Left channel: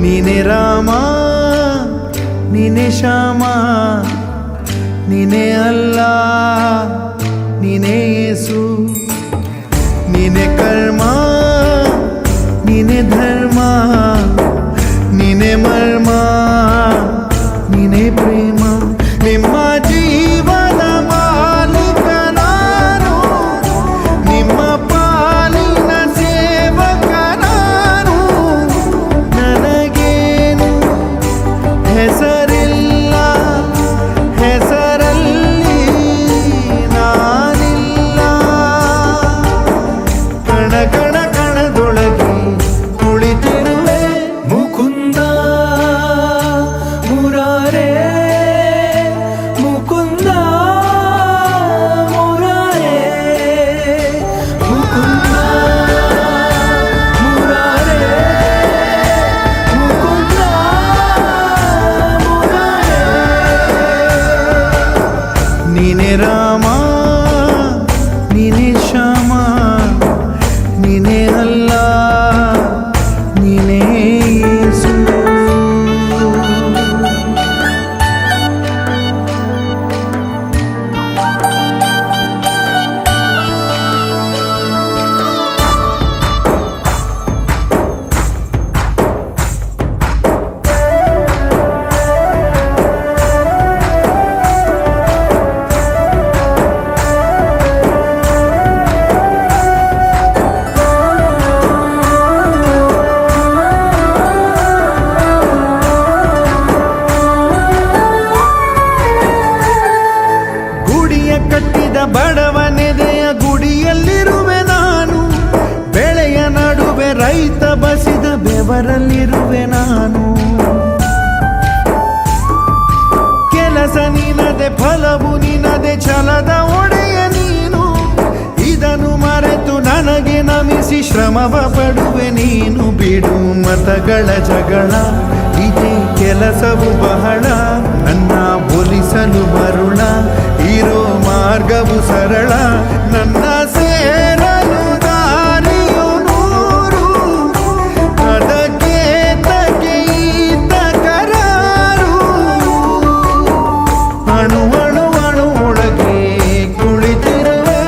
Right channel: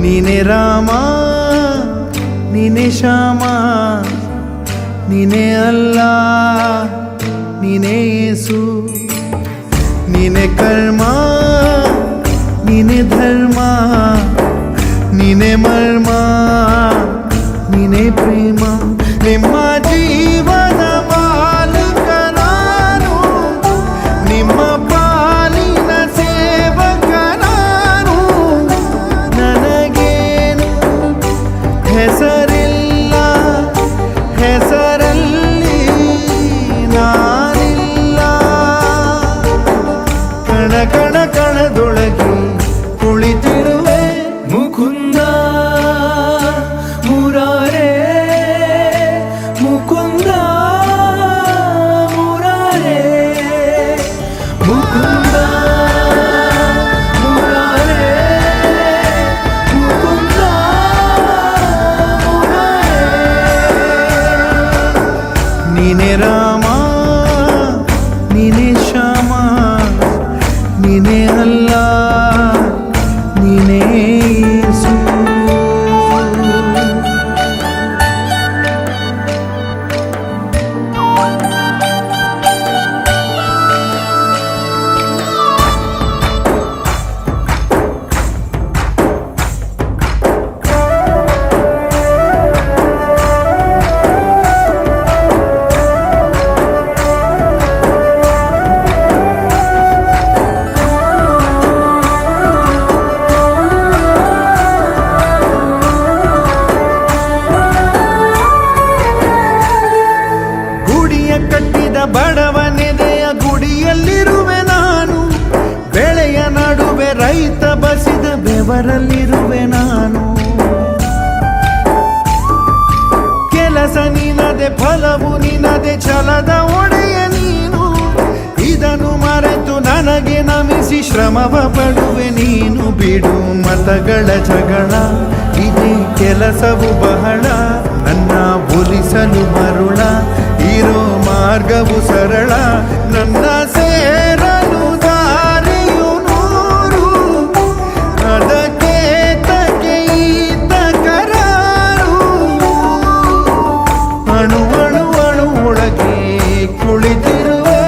ನೀನೆ ರಾಮ ನೀನೆ ಶ್ಯಾಮ ನೀನೆ ಅಲ್ಲ ನೀನೆ ಯೇಸು ನೀನೆ ಕರ್ಮ ನೀನೆ ಧರ್ಮ ನೀನೆ ಮರ್ಮ ನೀನೆ ಪ್ರೇಮ ನಿಮ್ಮ ಜೀವನ ಮಾಲೀಕ ನಾನು ನಿಮ್ಮ ಪಾಲಿನ ಸೇವಕ ನಾನು ನನಗೇನು ಹೆಸರಿಲ್ಲ ಹೆಸರಲ್ಲಿ ನಾನಿಲ್ಲ ಕಣ ಕಣ ಕಣದೊಳಗೆ ಕುಳಿತಿರುವೆ ಮುಕುಂದ ಮುರಾರೇ ಮುಕುಂದ ಮುರಾರೇ ಮುಕುಂದ ಮುರಾರೇ ನೀನೆ ರಾಮ ನೀನೆ ಶ್ಯಾಮ ನೀನೆ ಅಲ್ಲ ನೀನೇ ಯೇಸು ಗುಡಿಯ ಕಟ್ಟಿದ ಬಡವನೆದೆಯ ಗುಡಿಯಲ್ಲಿರುವೆ ನಾನು ಬೆಳೆಯ ನಡುವೆ ರೈತ ಬಸಿದ ಬೆವರಲ್ಲಿರುವೆ ನಾನು ಕೆಲಸ ನಿನದೆ ಫಲವು ನಿನದೆ ಛಲದ ಒಡೆಯ ನೀನು ಇದನ್ನು ಮರೆತು ನನಗೆ ನಮಿಸಿ ಶ್ರಮವ ಪಡುವೆ ನೀನು ಬಿಡು ಮತಗಳ ಜಗಳ ಇದೇ ಕೆಲಸವು ಬಹಳ ನನ್ನ ಒಲಿಸಲು ಮರುಳ ಇರೋ ಮಾರ್ಗವು ಸರಳ ನನ್ನ ಸೇರಲು ದಾರಿಯು ನೂರು ಅದಕ್ಕೆ ತಕ್ಕೆ ಈತ ಕರಾರು ಅಣು ಅಣು ಅಣು ಒಳಗೆ ಕುಳಿತಿರುವೆ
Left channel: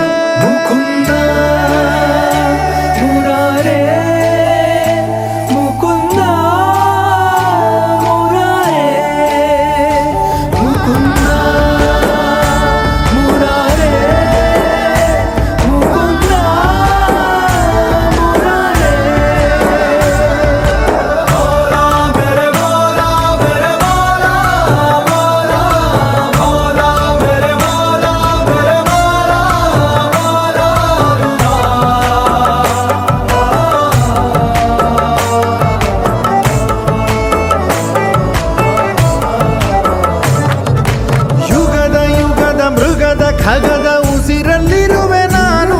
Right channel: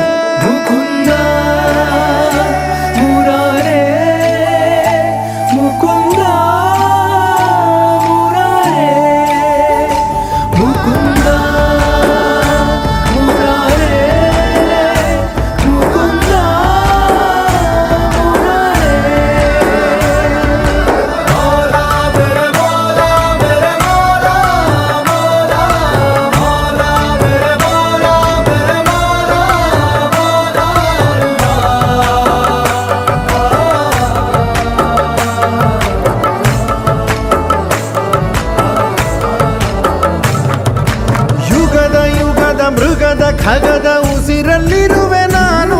ಯುಗದ ಮೃಗದ ಖಗದ ಉಸಿರಲ್ಲಿರುವೆ ನಾನು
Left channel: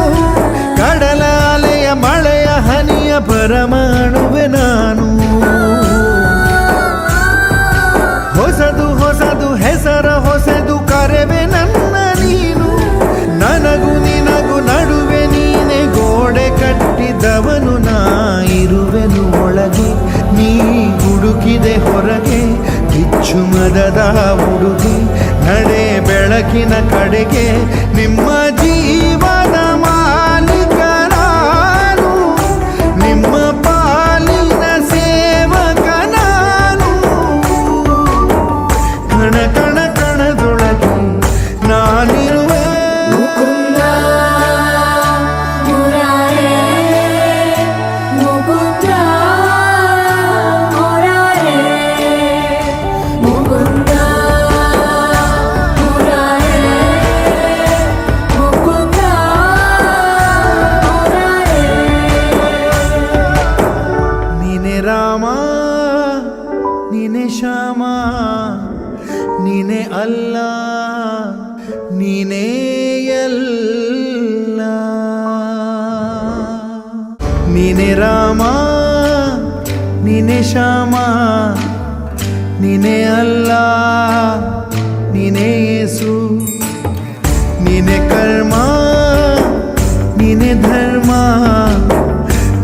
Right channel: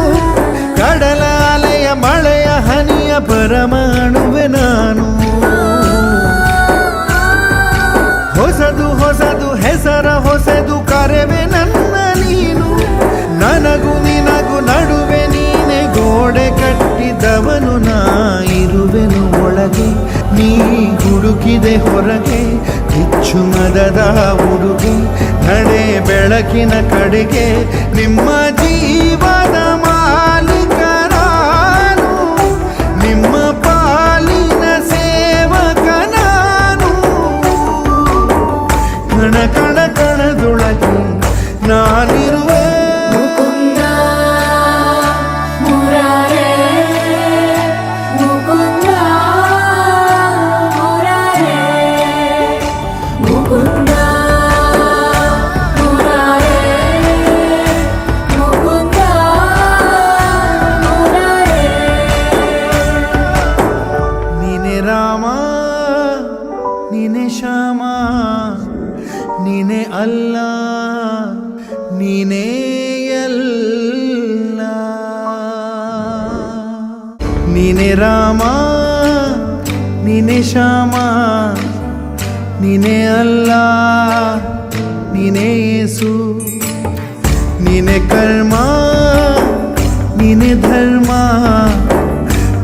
ಕಡಲ ಅಲೆಯ ಮಳೆಯ ಹನಿಯ ಪರಮಾಣುವೆ ನಾನು ಹೊಸದು ಹೊಸದು ಹೆಸರ ಹೊಸದು ಕರೆವೆ ನನ್ನ ನೀನು ನನಗೂ ನಿನಗೂ ನಡುವೆ ನೀನೆ ಗೋಡೆ ಕಟ್ಟಿದವನು ನಾ ಇರುವೆನು ಒಳಗೆ ನೀ ಹುಡುಕಿದೆ ಹೊರಗೆ ಬಿಚ್ಚು ಮದದ ಉಡುಗೆ ನಡೆ ಬೆಳಕಿನ ಕಡೆಗೆ ನಿಮ್ಮ ಜೀವದ ಮಾಲೀಕ ನಾನು ನಿಮ್ಮ ಪಾಲಿನ ಸೇವಕ ನಾನು ಕಣ ಕಣ ಕಣದೊಳಗೆ ನಾನಿರುವೆ ನೀನೆ ರಾಮ ನೀನೆ ಶ್ಯಾಮ ನೀನೆ ಅಲ್ಲ ನೀನೇ ಎಲ್ಲ ನೀನೆ ರಾಮ ನೀನೆ ಶ್ಯಾಮ ನೀನೆ ಅಲ್ಲ ನೀನೇ ಯೇಸು ನೀನೆ ಕರ್ಮ ನೀನೆ ಧರ್ಮ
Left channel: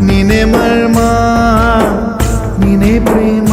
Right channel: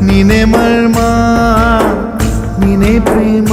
ನೀನೆ ಮರ್ಮ ನೀನೆ ಪ್ರೇಮ